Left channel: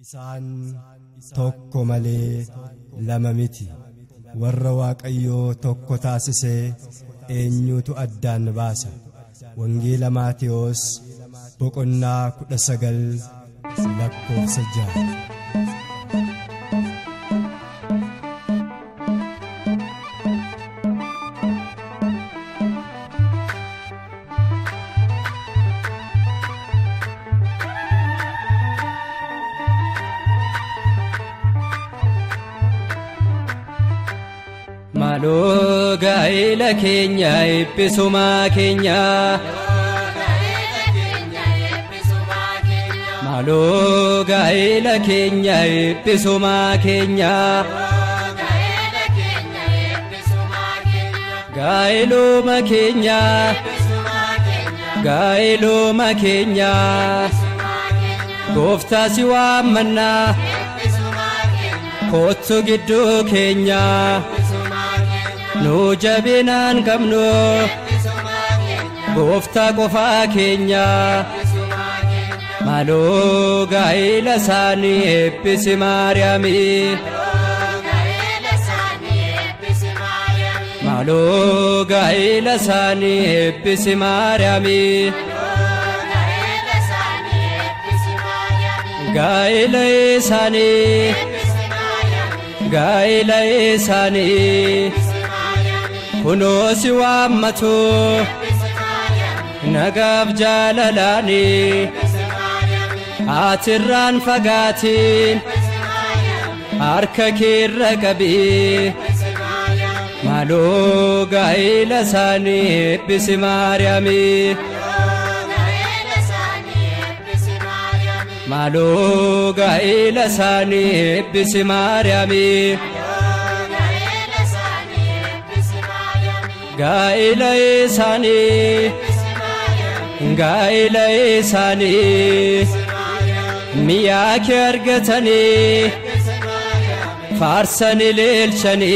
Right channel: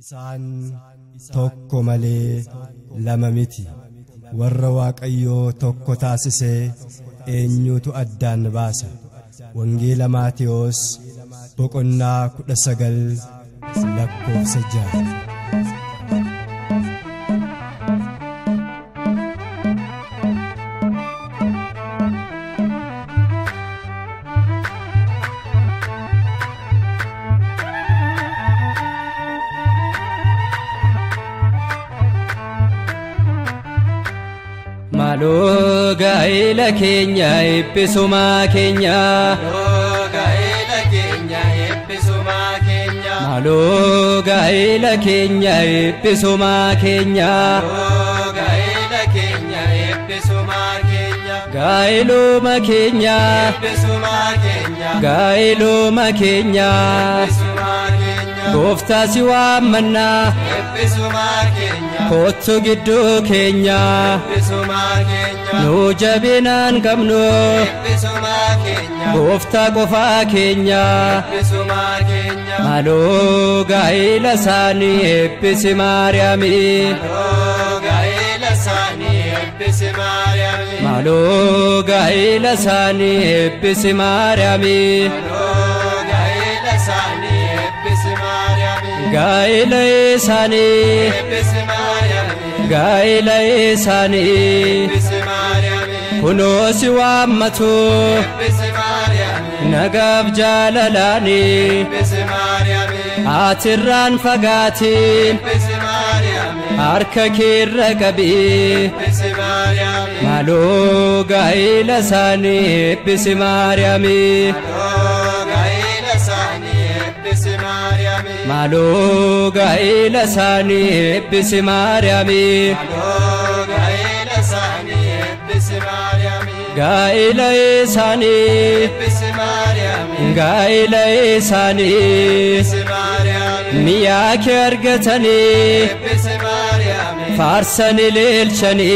Isaan tokko malee lama miti warra Waaqayyoo tokko taasisee eenyutu addaan baasa. Wangeela Maatewos boqonnaa 19 lakkoofsa 6. Malo gaila Kenya episuma Kenya. Malo gaila Kenya episuma Kenya. Gailuma Kenya. Gailuma Kenya. Gofta siwa manna. Kotso giddu Kenya. Nu jabinan kamno. Gofta qofa Kenya. Malo gaila sani eppisi Mariami. Malo gaila sani eppisi Mariami. Gaila sani. Gaila sani. Kuno siwa matu. Nagab jalalani. Atirran fagati. Harka kirra qabi. Malo gaila sani ebbisi Mariami. Malo gaila sani ebbisi Mariami. Gaila sani. Gaila sani. Miya kergatani. Farsani lilchani.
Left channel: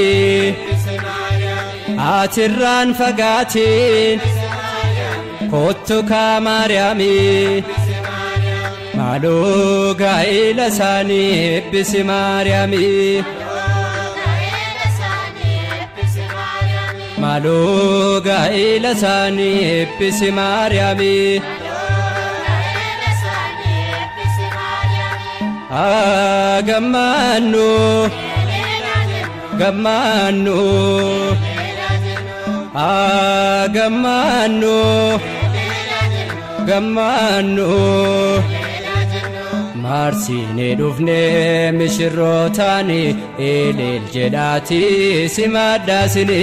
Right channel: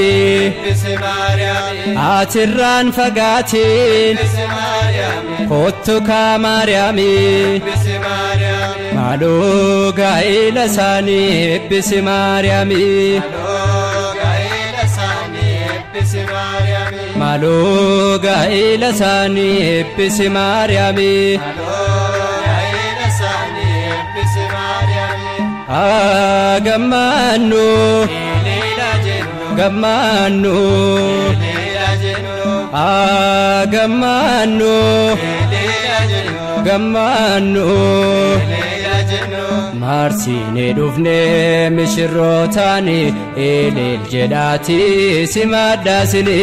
Atirran fagati. Kottu ka Mariami. Malo gaila sani ebbisi Mariami. Malo gaila sani ebbisi Mariami. Gamanu, gamanu, gamanu, gamanu. Marsine dufne mishirotani elel jedati simadasini.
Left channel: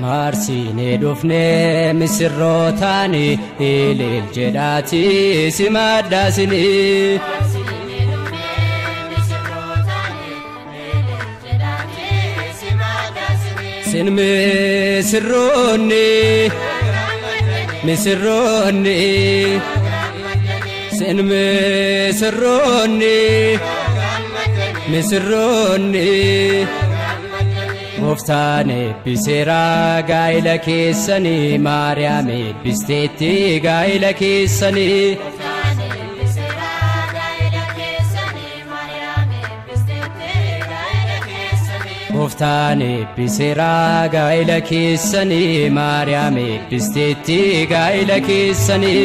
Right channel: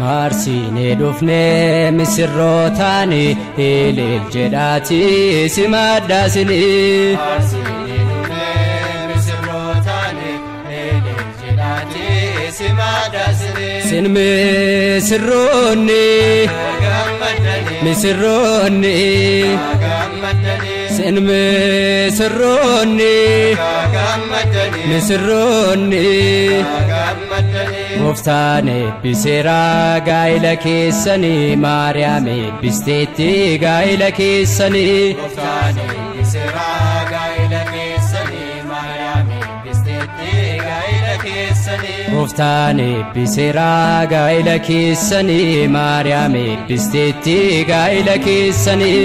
Marsine dufne misirrotani elel jedati simadasini. Sin misirronni misirronni. Sin misirronni misirronni. Goftaan ebbisera gaila keessani Mariam ebbisteetti gaila keessani. Goftaan ebbisera gaila keessani Mariam ebbisteetti gaila keessani.